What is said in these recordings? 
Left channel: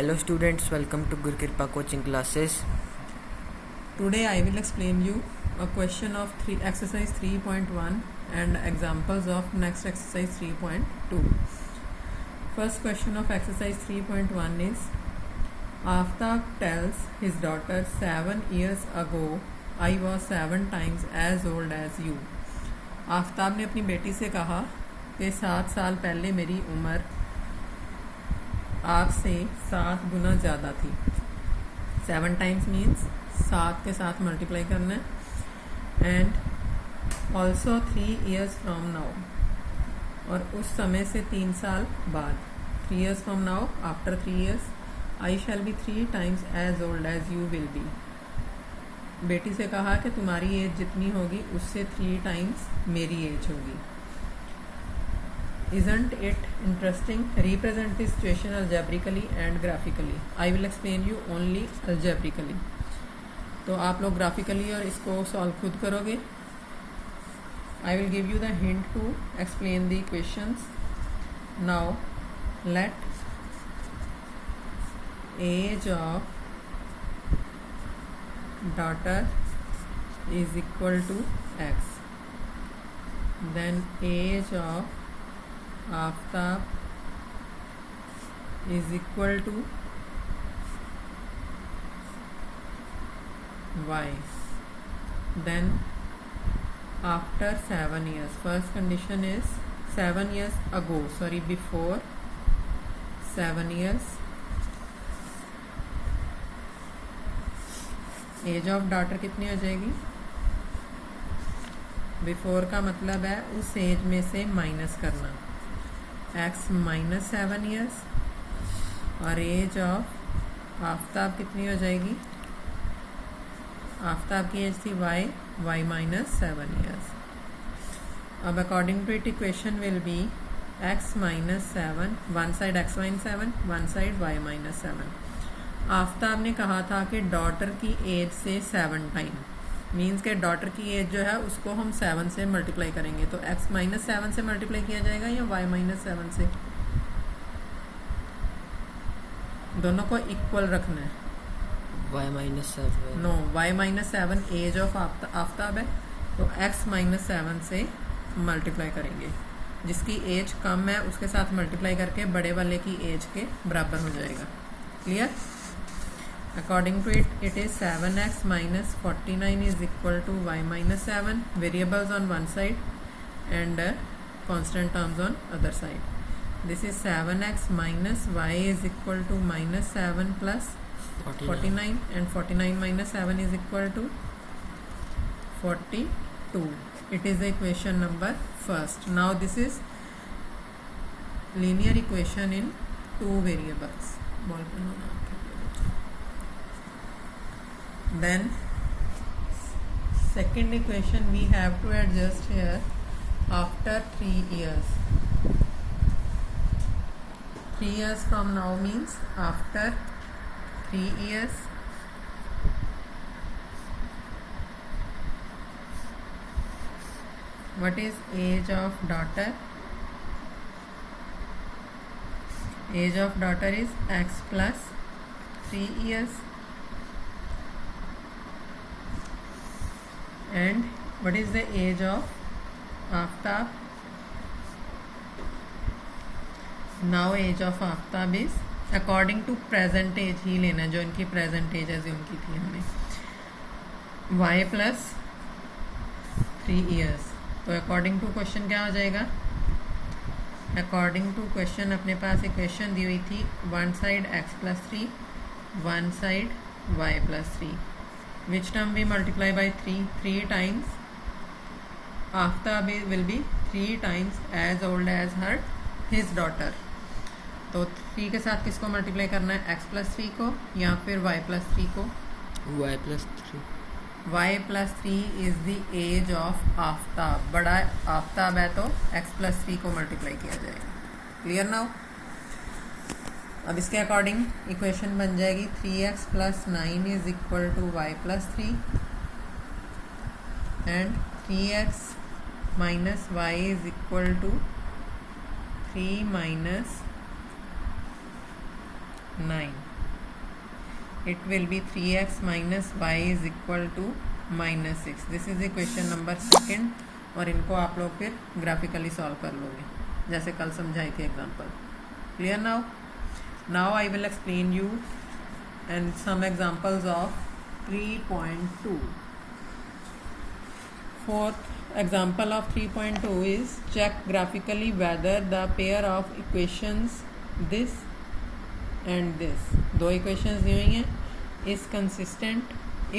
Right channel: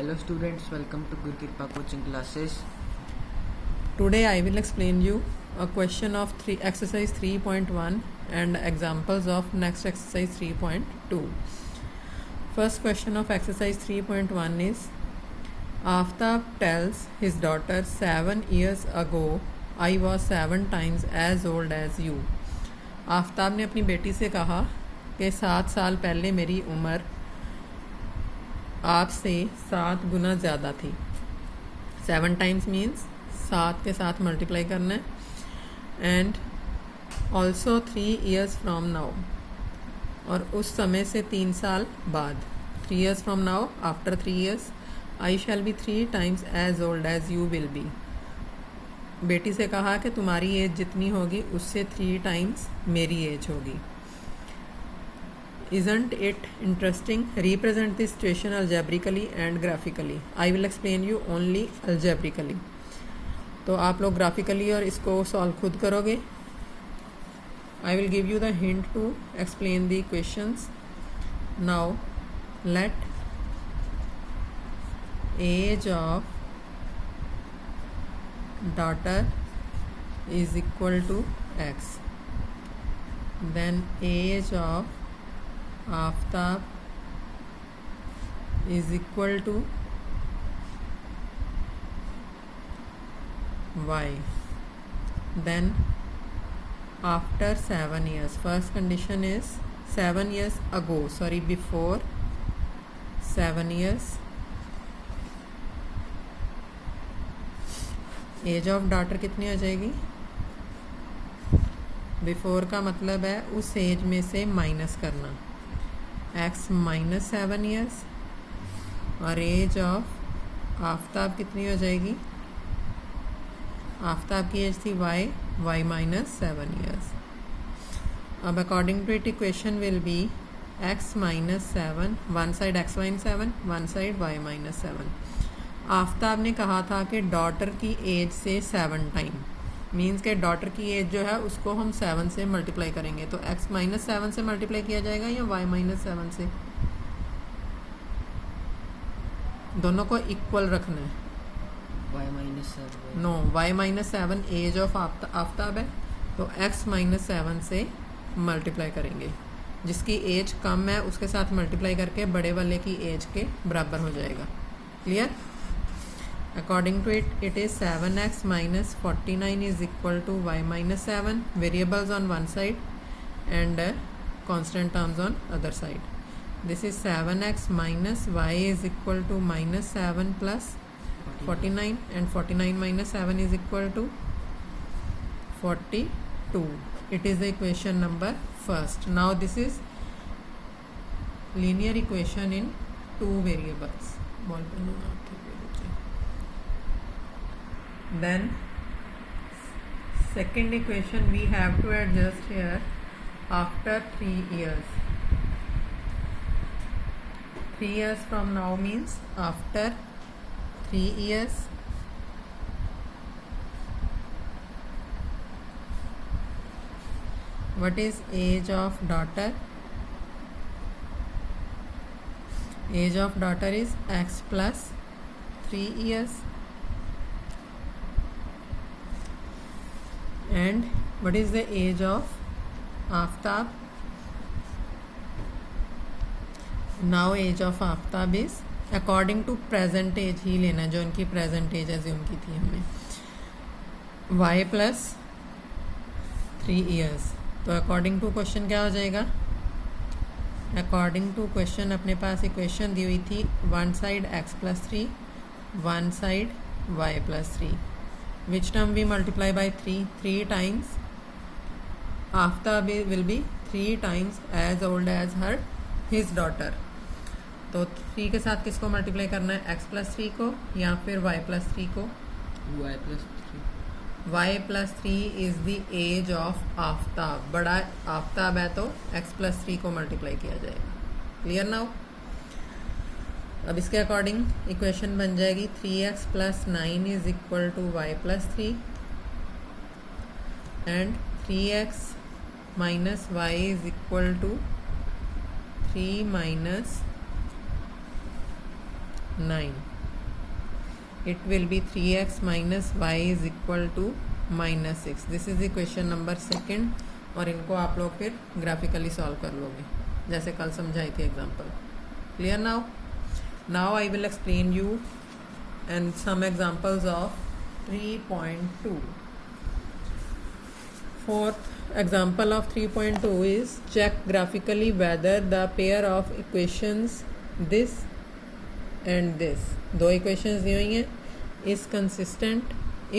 Hello students, welcome to Guru Kripa coaching classes. Today I will explain you a question of exercise 3.1 and examples of next exercise 3.2. First question of exercise 3.1 is Aftab tells his daughter 7 years ago I was 7 times as old as you. Aftab ने अपनी बेटी से कहा कि 7 साल पहले मेरी उम्र आपसे 7 गुना ज़्यादा थी. 7 टाइम्स मीन्स 7 के साथ मल्टीप्लाई करना है. And also 3 years from now, और उस समय से 3 साल बाद. 3 years from now, after 3 years I shall be 3 times as old as you will be. बेटी से कहा कि तुम्हारी एज जितनी होगी उससे 3 times मेरी एज होगी. Isn't it interesting? Represent the situation algebraically and graphically. I will explain you only algebraically. तो आप लोग graphically और इसको solve खुद करोगे. I will give you the hint to explain the equations. Now let age of daughter is equal to x. Then age of Aftab is equal to y. Then after 7 years, first condition is 7 years ago, sorry, before 7 years, age of daughter कितनी आ जाएगी? Before का मतलब है उस as में से minus करना. x माइनस 7 years, और एज ऑफ आफ्ताब कितनी हो जाएगी? आफ्ताब की एज थी y माइनस 7 years. अब according to it equation will be x minus 7, one side x minus 7, one side y minus 7. Aftab ने कहा था कि डॉटर की एज से 7 टाइम, मीन्स के डॉटर की एज जो है उसको हम 7 से मल्टीप्लाई करेंगे. तो x माइनस 7 से मल्टीप्लाई किया जाएगा या y माइनस 7 से? दोनों को इक्वल रखना है. Y minus 7. No, y minus 7 age of Aftab है, तो x माइनस 7 से मल्टीप्लाई करेंगे. जिसकी एज कम है उसके साथ मल्टीप्लाई करके बड़े वाले की एज के बराबर हो जाएगा. Clear? According to it, it is 7x minus 49 is equal to y minus 7. Variables on one side and constant terms on other side. This is 7x minus y is equal to minus 7 plus 49, and 49 minus 7 is equal to 42. It is the equation number first. Now this is linear equation in 2 variables. Then second equation we have to adjust here after 3 years. 3 years from now means after 3 years. What is age of daughter? Age of daughter is x plus 3 years. And what is the age of Aftab? Now age of Aftab is according to present age ही लेना, जो इनकी present age है उनकी थी हमें, y plus 3 years. तो according to question क्या हो जाएगा? According to question अपने पास इक्वेशन दी हुई थी, one side x plus 3, one side y plus 3. Which term we multiply by 3? 3 times. Aftab will be 3 times as old as his daughter. तो 3 के साथ किसको मल्टीप्लाई करना है? x plus 3 को या फिर y plus 3 को? Y plus 3. y plus 3 is the age of Aftab. बड़ा आफ्ताब है तो x plus 3 को मल्टीप्लाई किया जाएगा. Clear now? अब इसके अकॉर्डिंग इक्वेशन बन जाएगी 3x plus 9 is equal to y plus 3, and 3x minus y is equal to 3 minus 9. it will be 3x minus y is equal to -6. This is equation number second, और इनको आप लोग फिर graphically solve कर लोगे जैसे कल समझाई थी example. Clear now I will explain you and some examples of 3.2. Fourth example of 3.2 is check graphically whether the pair of equations this and this, दो equations दी हुई हैं, is consistent,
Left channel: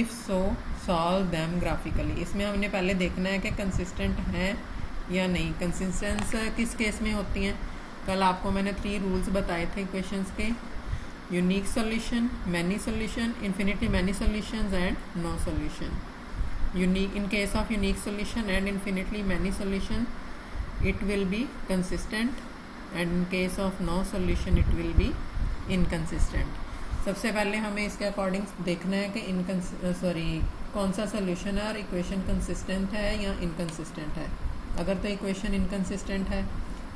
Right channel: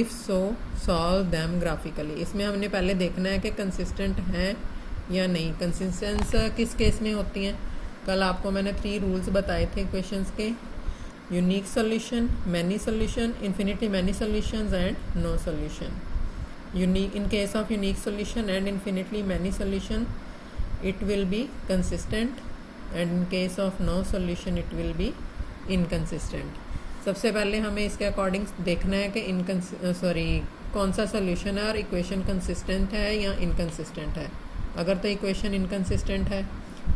if so solve them graphically. इसमें हमने पहले देखना है कि consistent हैं या नहीं। कंसिस्टेंस किस केस में होती हैं? कल आपको मैंने 3 रूल्स बताए थे इक्वेशंस के, unique solution, many solution, infinitely many solutions and no solution. unique, in case of unique solution and infinitely many solution it will be consistent, and in case of no solution it will be inconsistent. सबसे पहले हमें इसके according देखना है कि कौन सा solution है और इक्वेशन कंसिस्टेंट है या इनकंसिस्टेंट है। अगर तो इक्वेशन इनकंसिस्टेंट है,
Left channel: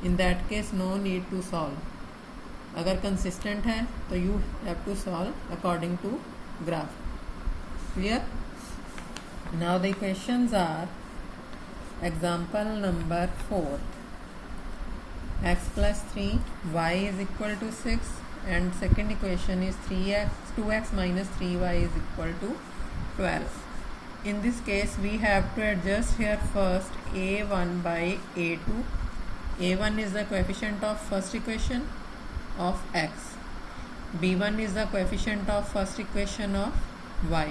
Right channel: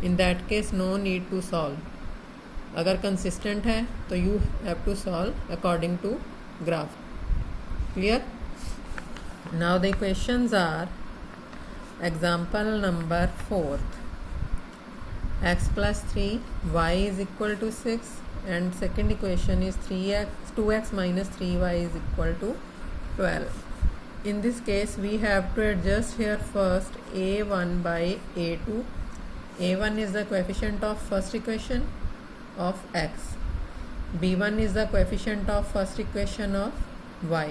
in that case no need to solve. अगर कंसिस्टेंट है तो you have to solve according to graph. Clear? Now the equations are example number 4, x plus 3 y is equal to 6, and second equation is 2x minus 3y is equal to 12. In this case we have to adjust here first a1 by a2. a1 is the coefficient of first equation of x, b1 is the coefficient of first equation of y,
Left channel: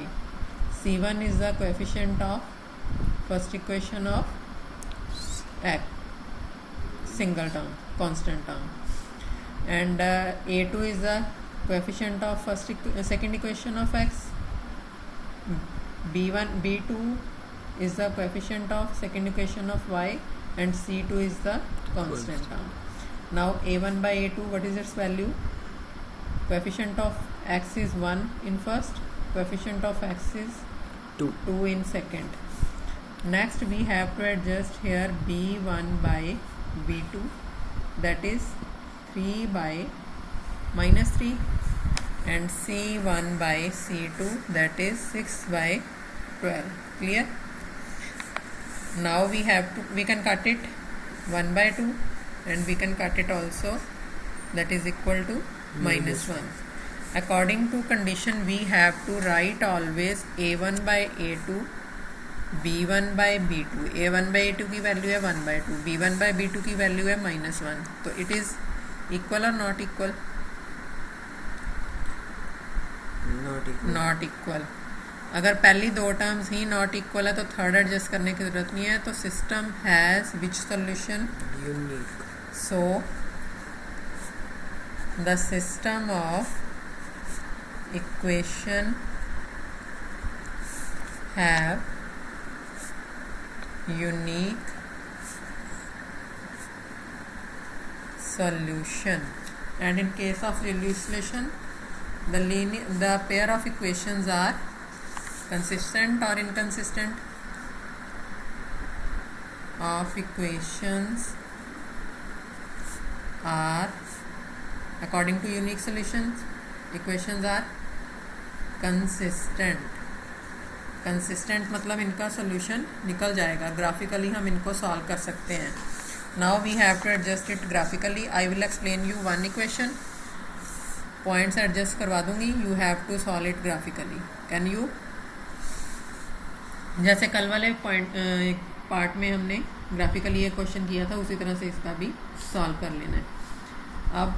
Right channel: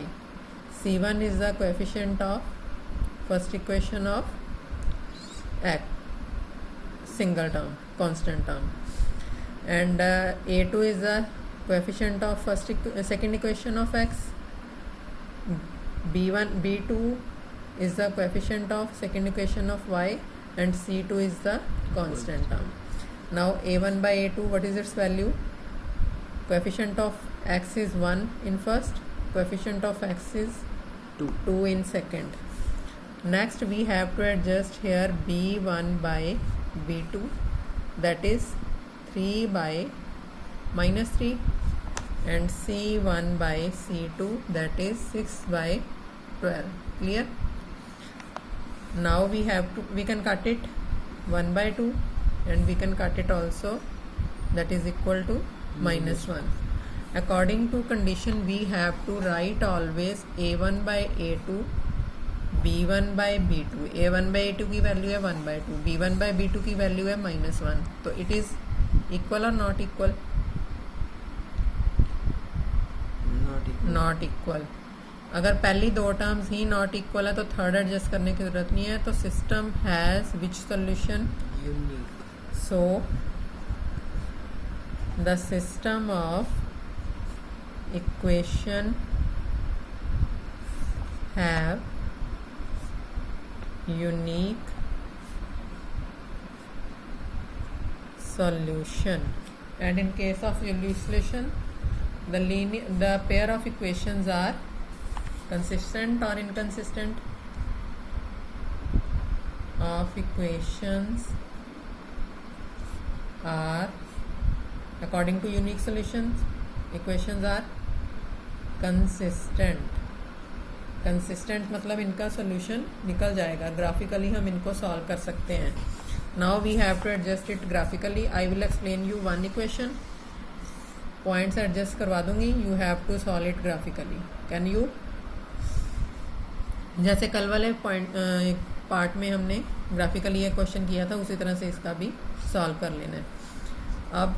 C1 is the coefficient of first equation of x, single term, constant term, and A2 is the coefficient of second equation of x, B2 is the coefficient of second equation of y, and C2 is the constant term. Now A1 by A2, what is its value? Coefficient of x is 1 in first, coefficient of x is 2 in second. Next we have to adjust here b1 by b2, that is 3 by -3, and c1 by c2, that is 6 by 12. Clear? Now we can cut it 1 by 2, and we can cut it also, that is equal to -1. According to condition we have to write always a1 by a2, b1 by b2. a1 by a2 की value है 1 by 2, b1 by b2 की value है -1, तो it is equal or not equal? Not equal. अगर पहली दो terms he not equal है तो थर्ड एडजस्ट करने की जरूरत नहीं है। तो system has which solution? Unique. So the system of equation have unique solution, and in case of solution the pair of equations are consistent or inconsistent. Of equations are, according to unique solutions, equations are consistent मतलब इनका solution निकल जाएगा। Graphically हम इनको solve कर सकते हैं। Now we have to adjust it graphically. I will explain you one equation, points adjust करवा दूंगी, you have to solve it graphically. Can you? जैसे कल वाले पार्ट में हमने ग्राफिकली ये क्वेश्चन किया था, उसी तरह से इसका भी सॉल्व कर लेना है। अब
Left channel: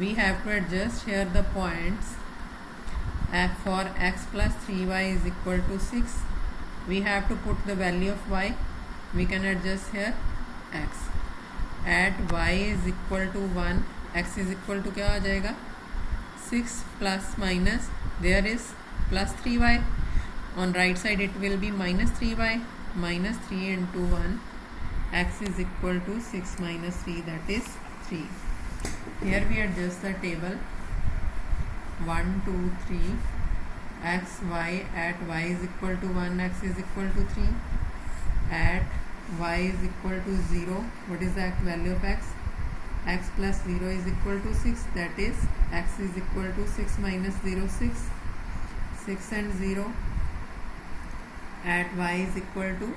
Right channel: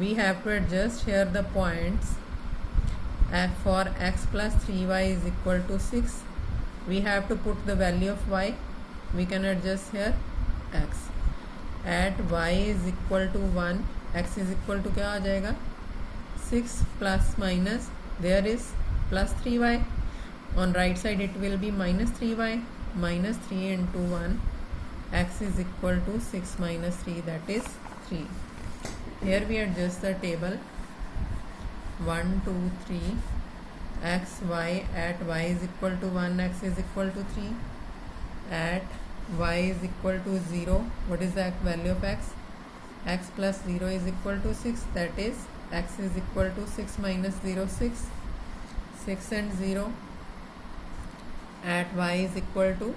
we have to adjust here the points. For x plus 3y is equal to 6, we have to put the value of y. We can adjust here x. At y is equal to 1, x is equal to क्या आ जाएगा? 6 plus minus, there is plus 3y. On right side it will be minus 3y, minus 3 into 1, x is equal to 6 minus 3, that is 3. Here we adjust the table 1, 2, 3, x, y, at y is equal to 1, x is equal to 3, at y is equal to 0, what is the value of x? x plus 0 is equal to 6, that is x is equal to 6 minus 0, 6 and 0, at y is equal to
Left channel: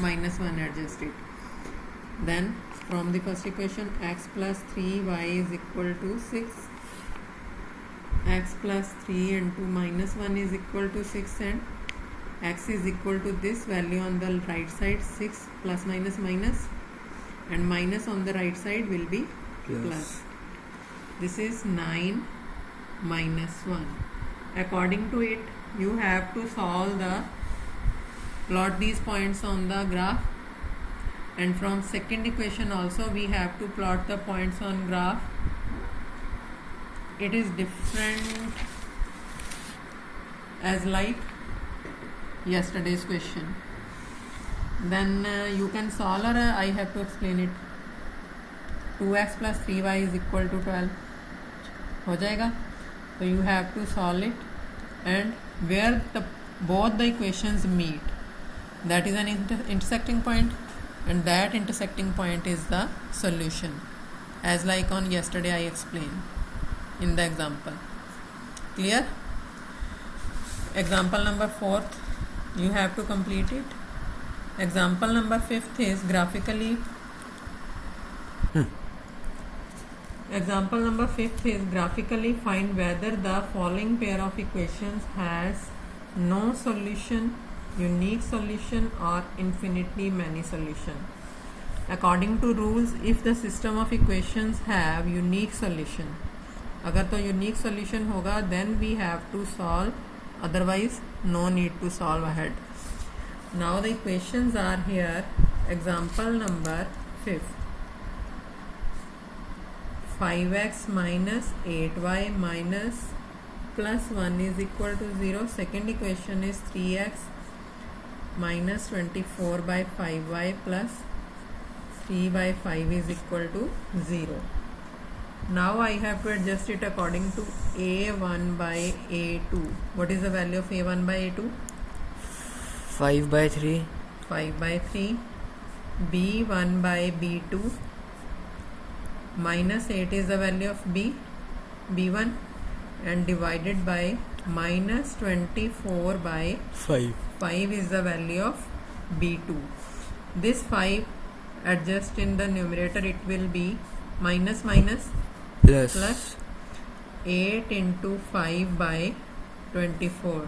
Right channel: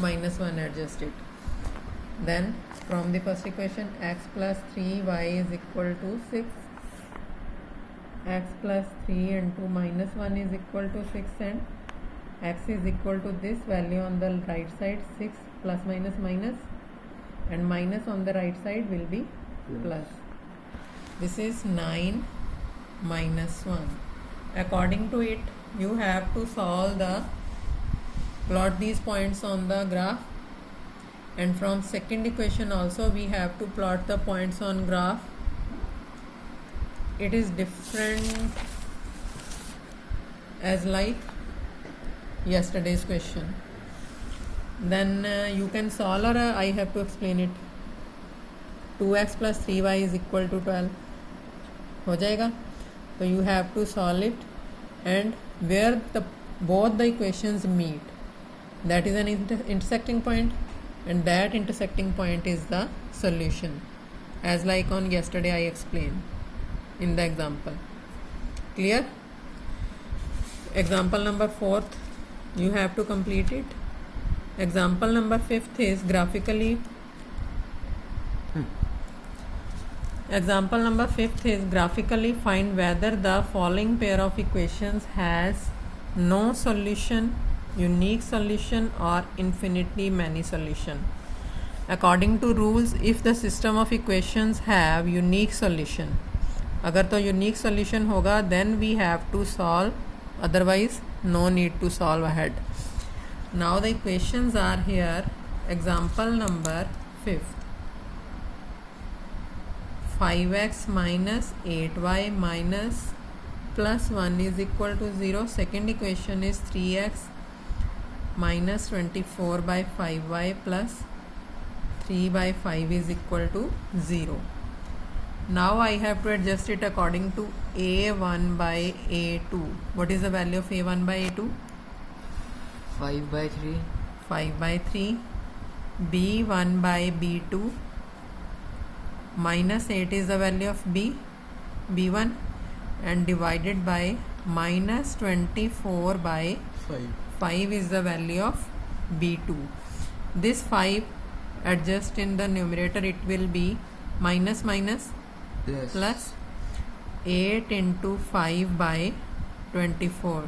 minus 1, adjust it. Then from the first equation, x plus 3 y is equal to 6, x plus 3 into minus 1 is equal to 6, and x is equal to this value on the right side, 6 plus minus minus, and minus on the right side will be plus. This is 9 minus 1. According to it, you have to plot these points on the graph, and from second equation also we have to plot the points on graph. It is different as like yesterday's question. Then you can solve, or I have to explain it. 2x plus 3y is equal to 12 हो जाएगा. So you have to solve it, and where both the equations meet, that is an intersecting point, and that intersecting point is the solution, as like on yesterday I explained in the example. Clear? Example number 4th, you have to complete it. Example number 5th is graphically. Example number 5th is graphically find whether the following pair of equations has no solution, unique solution, or infinitely many solution. According to rules, if the system of equations have unique solution, अगर तो unique solution होगा, then we have to solve, otherwise no need to solve ahead. Now the equations are here. Example number 5th, 5x minus 8y minus plus 1 is equal to 0. Second equation is 3x minus 24 by 5y plus 3 by 5 is equal to 0. Now I have to adjust it according to a1 by a2. What is the value of a1 by a2? 5 by 3. 5 by 3. b1 by b2. Minus 8 is the value of b1, and divided by minus 24 by 5. 5 is the value of b2. This 5 adjust in the numerator, it will be minus minus plus 8 into 5 by 24.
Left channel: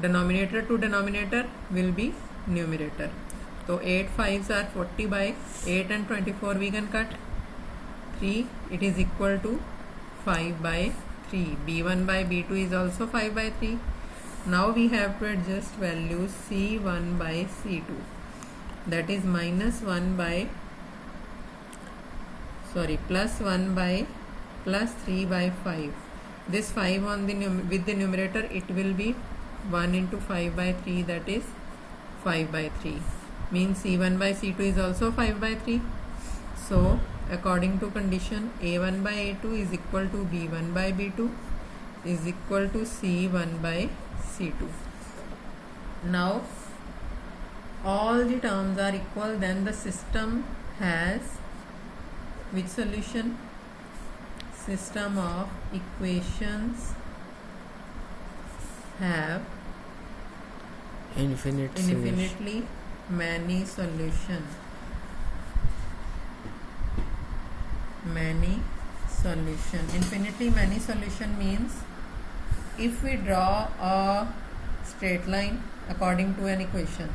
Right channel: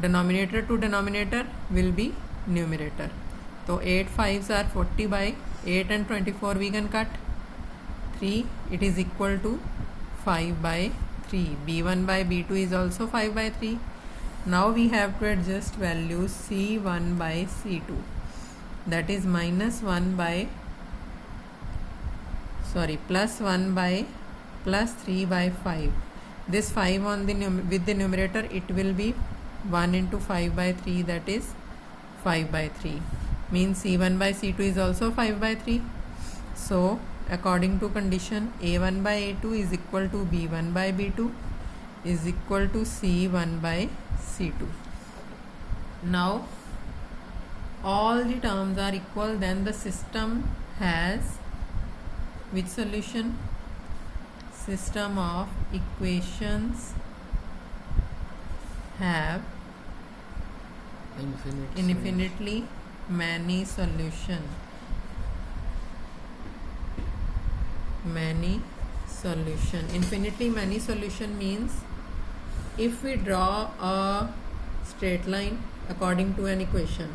Denominator to denominator will be numerator. So 8 5s are 40 by 8 and 24 we can cut. 3, it is equal to 5 by 3. b1 by b2 is also 5 by 3. Now we have to adjust values c1 by c2. That is plus 1 by plus 3 by 5. This 5 on the with the numerator, it will be 1 into 5 by 3, that is 5 by 3. Means c1 by c2 is also 5 by 3. So according to condition, a1 by a2 is equal to b1 by b2 is equal to c1 by c2. Now all the terms are equal, then the system has which solution? System of equations have infinitely many solution. Infinitely many solution means if we draw a straight line according to an equation,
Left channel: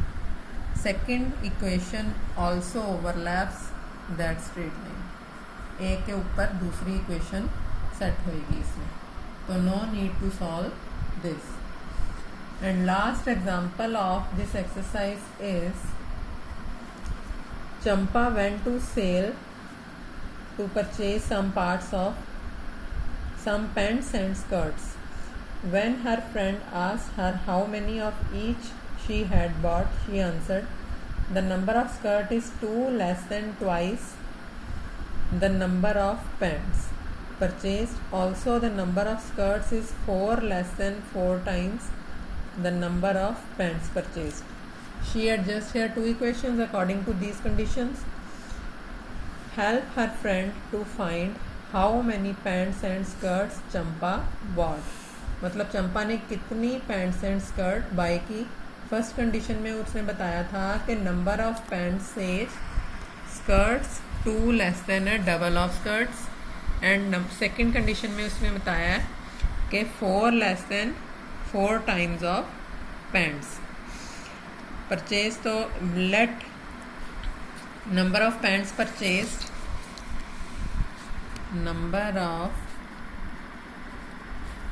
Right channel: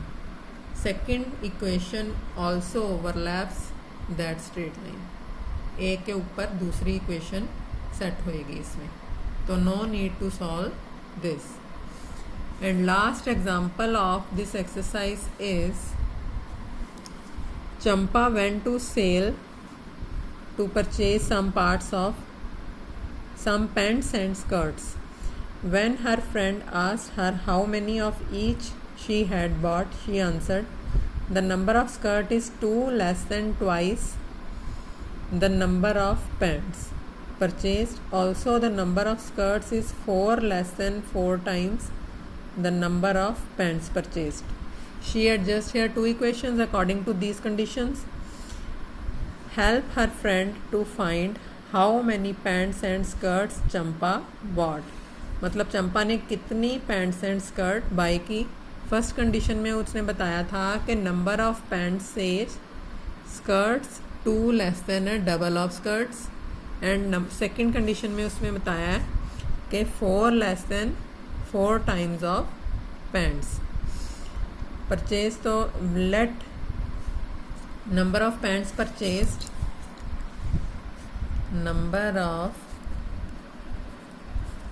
second equation also overlaps that straight line. एक के ऊपर दूसरी equation set होएगी इसमें, तो no need to solve this. And last example of this exercise is Champa went to sale to purchase some parts of some pants and skirts. When her friend asked her how many of each she had bought, she answered, "The number of skirt is 2 less than twice the number of pants purchased. Also, the number of skirts is 4 less than 4 times the number of pants purchased." She adjusts here two equations according to these conditions. help her friend to find how many pants and skirts Champa bought. मतलब चंपा ने कितनी pants and skirt buy की. First condition में उसने बताया था कि number of pants से स्कर्ट्स 2 लेस देन है double of skirts. And second condition में उसने बताया है कि 4 less than 4 times of pants. Purchase तो let number of pants purchased, number of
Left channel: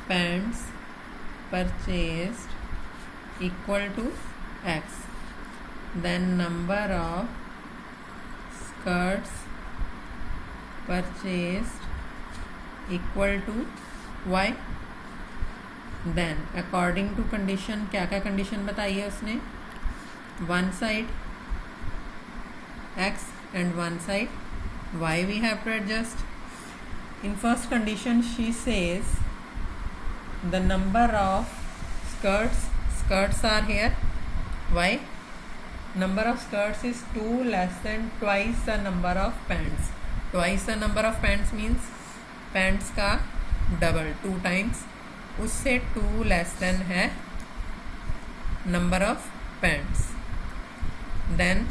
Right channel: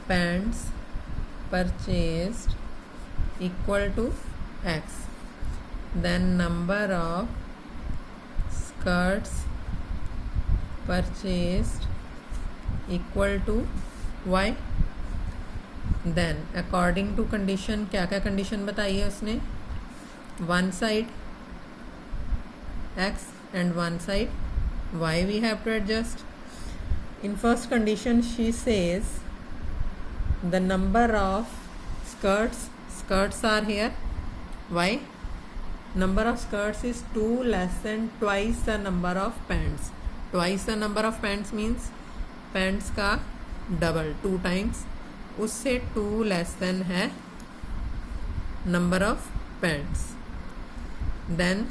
pants purchased equal to X, then number of skirts purchased equal to Y. then according to condition, क्या क्या condition बताई है उसने, one side X and one side Y we have to adjust. In first condition she says the number of skirts are here. Why? Number of skirts is 2 less than twice the number of pants. Twice the number of pants means pants का double 2 times, उससे 2 less than है number of pants. Then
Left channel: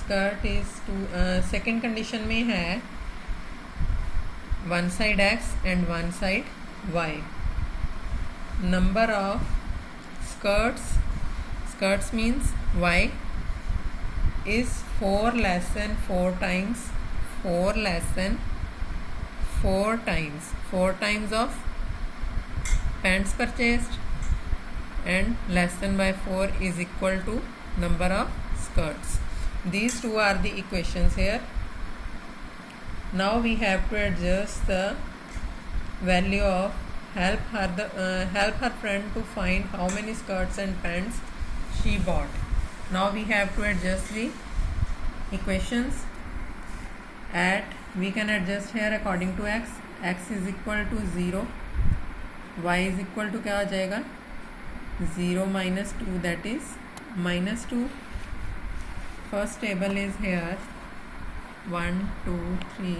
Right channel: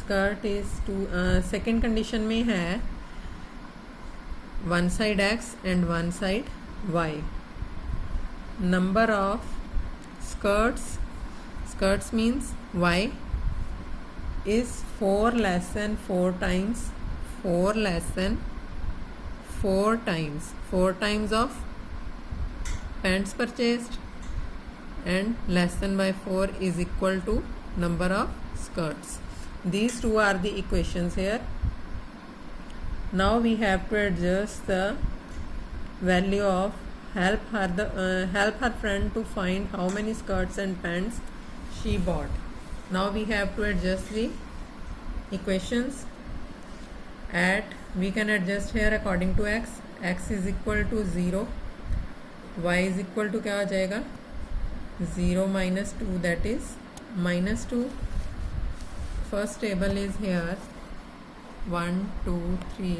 skirt is 2. Second condition में है one side x and one side y. Number of skirts means y is 4 less than 4 times 4 less than 4 times of pants purchased, and less than by 4 is equal to number of skirts. These two are the equations here. Now we have to adjust the value of help her friend to find how many skirts and pants she bought. Now we have to adjust the equations. We can adjust here according to x. X is equal to 0, y is equal to क्या आ जाएगा 0 minus 2, that is minus 2. First table is here 1 2 3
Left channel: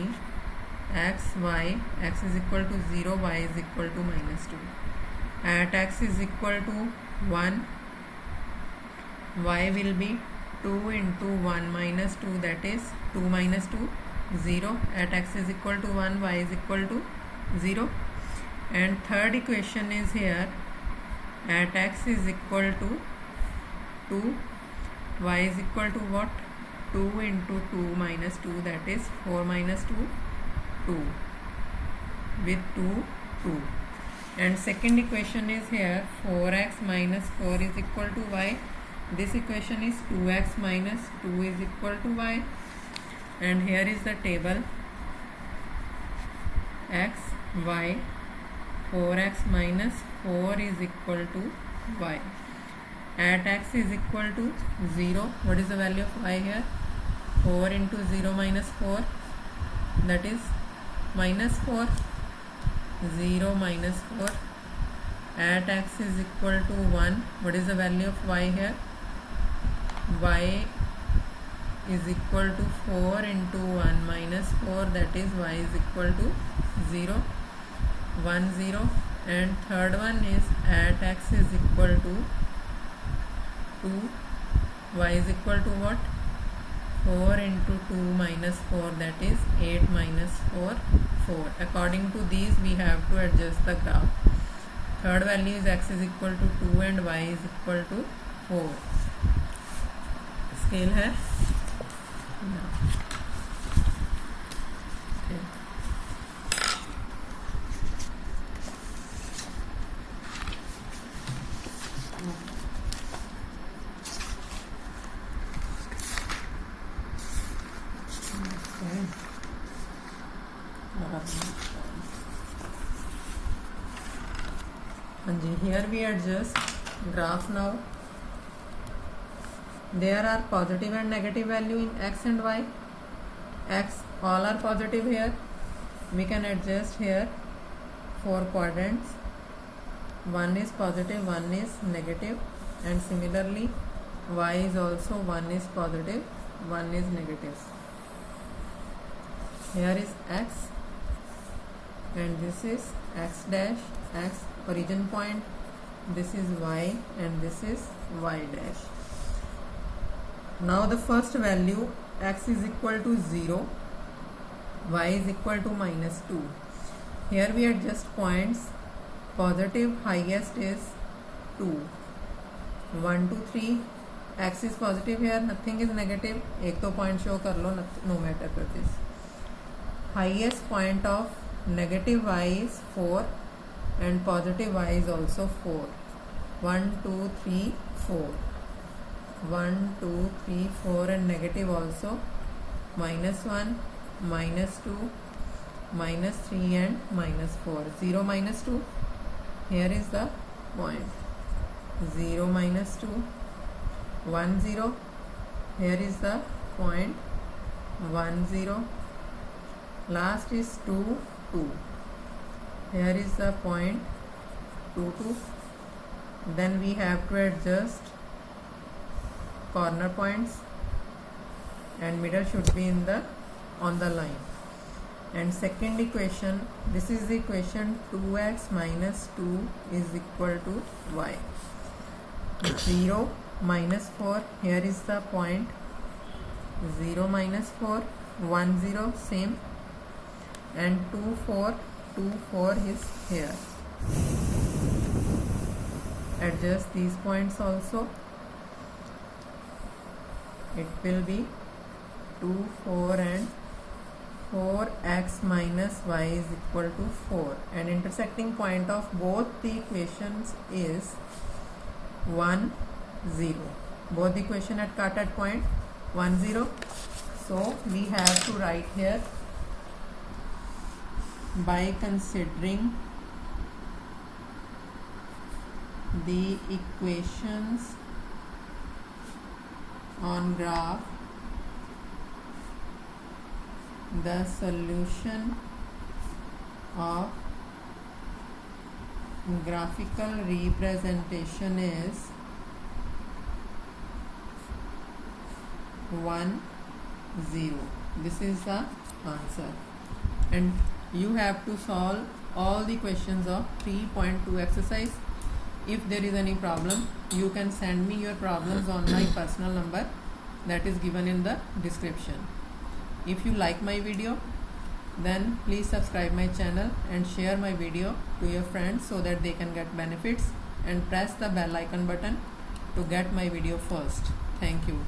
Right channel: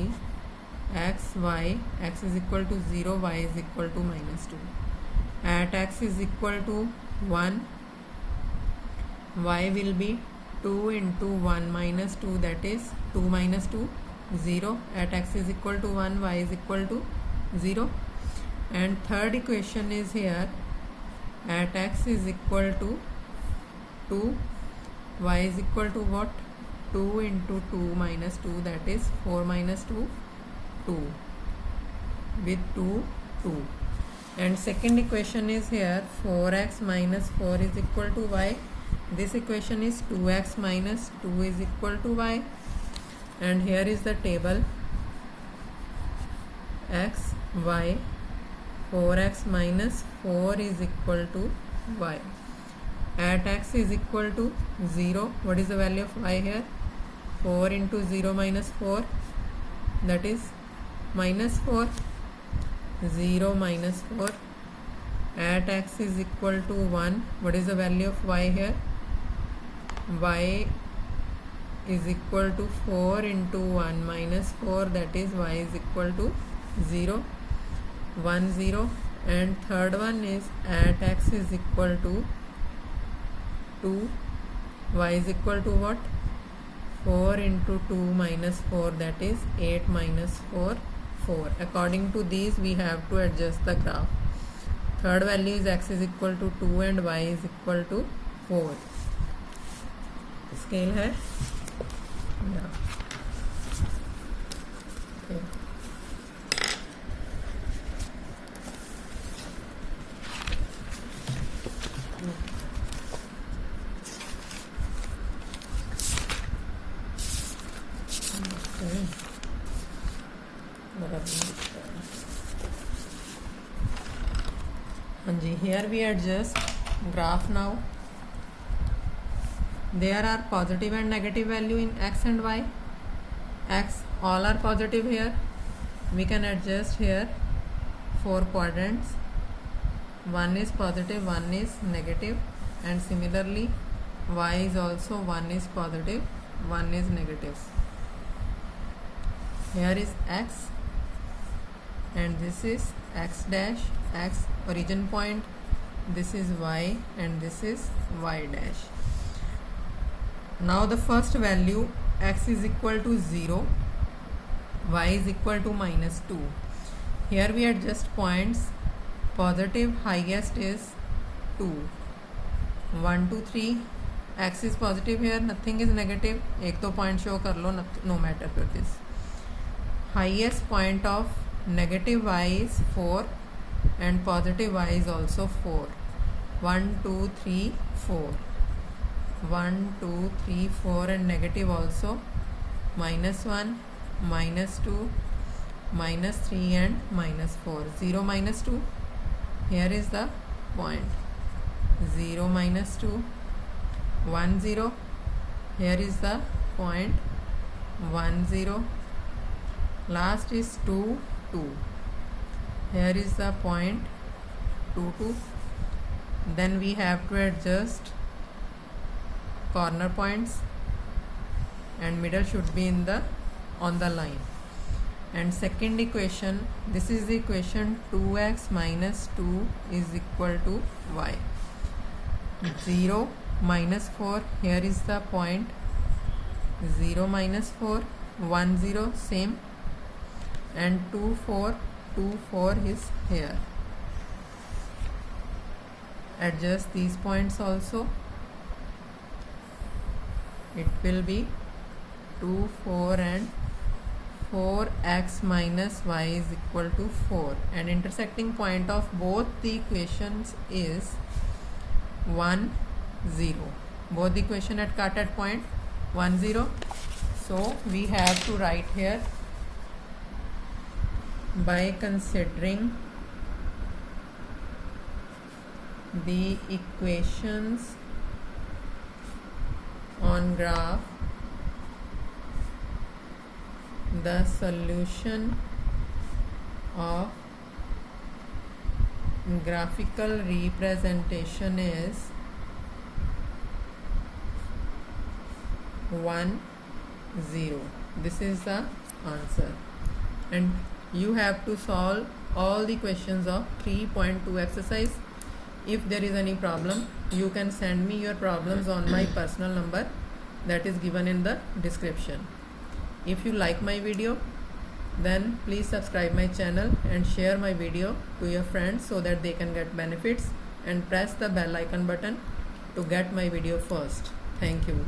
x y. X is equal to 0, y is equal to minus 2. At x is equal to 1, y will be 2 into 1 minus 2, that is 2 minus 2 0. At x is equal to 1, y is equal to 0. And third equation is here, at x is equal to 2, y is equal to what, 2 into 2 minus 2, that is 4 minus 2 2 with 2 2. And second equation is here, 4x minus 4 is equal to y. This equation is 2x minus 2 is equal to y. And here is the table, x y, 4x minus 4 is equal to y. At x is equal to 0, what is the value of y here, 4 into 0 minus 4, that is minus 4, 0 minus 4. At x is equal to 1, what is the value of y here, y is equal to 4 into 1 minus 4, that is y is equal to 0, 1 0. And third one is at x is equal to 2, y is equal to what, 4 into 2 minus 4, that is 8 minus 4 4. According to these we have to adjust the graph. Third value is x is equal to 2 and y is equal to 4. Scale है here we adjust graph. Now there are positive and negative value in x and y. X all are positive here, we can adjust here 4 quadrants, one is positive, one is negative, and similarly y is also, one is positive, one is negative. Here is x and this is x dash, x origin point, this is y and this is y dash. Now the first value, x is equal to 0, y is equal to minus 2. Here we adjust points. Positive highest is 2, 1 2 3. X is positive here, nothing is negative. एक तो point show कर लो, no matter for this. Highest point of negative y is 4 and positive y is also 4. 1 2 3 4. 1 2 3 4 and negative also minus 1, minus 2, minus 3 and minus 4. 0 minus 2. Here is the point. 0 minus 2. 1 0. Here is the point. 1 0. Last is 2 2. Here is the point. 2 2. Then we have to adjust corner points and middle should be in the on the line. And second equation, this is the equation 2x minus 2 is equal to y. 0 minus 4, here is the point. 0 minus 4, 1 0 same, and 2 4, 2 4 is here. Adjust these points also. It will be 2 4 and 4x minus y is equal to 4, and intersecting point of both the equations is 1 0. Both the equation at cut at point 1 0. So we have to write here by considering the equations on graph, the solution of graphical representation is 1 0. This is the answer, and you have to solve all the questions of 3.2 exercise. If there is any problem, you can send me your problems on my personal number that is given in the description. If you like my video, then please subscribe my channel and share my video to your friends so that they can get benefits, and press the bell icon button to get my video first. Thank you.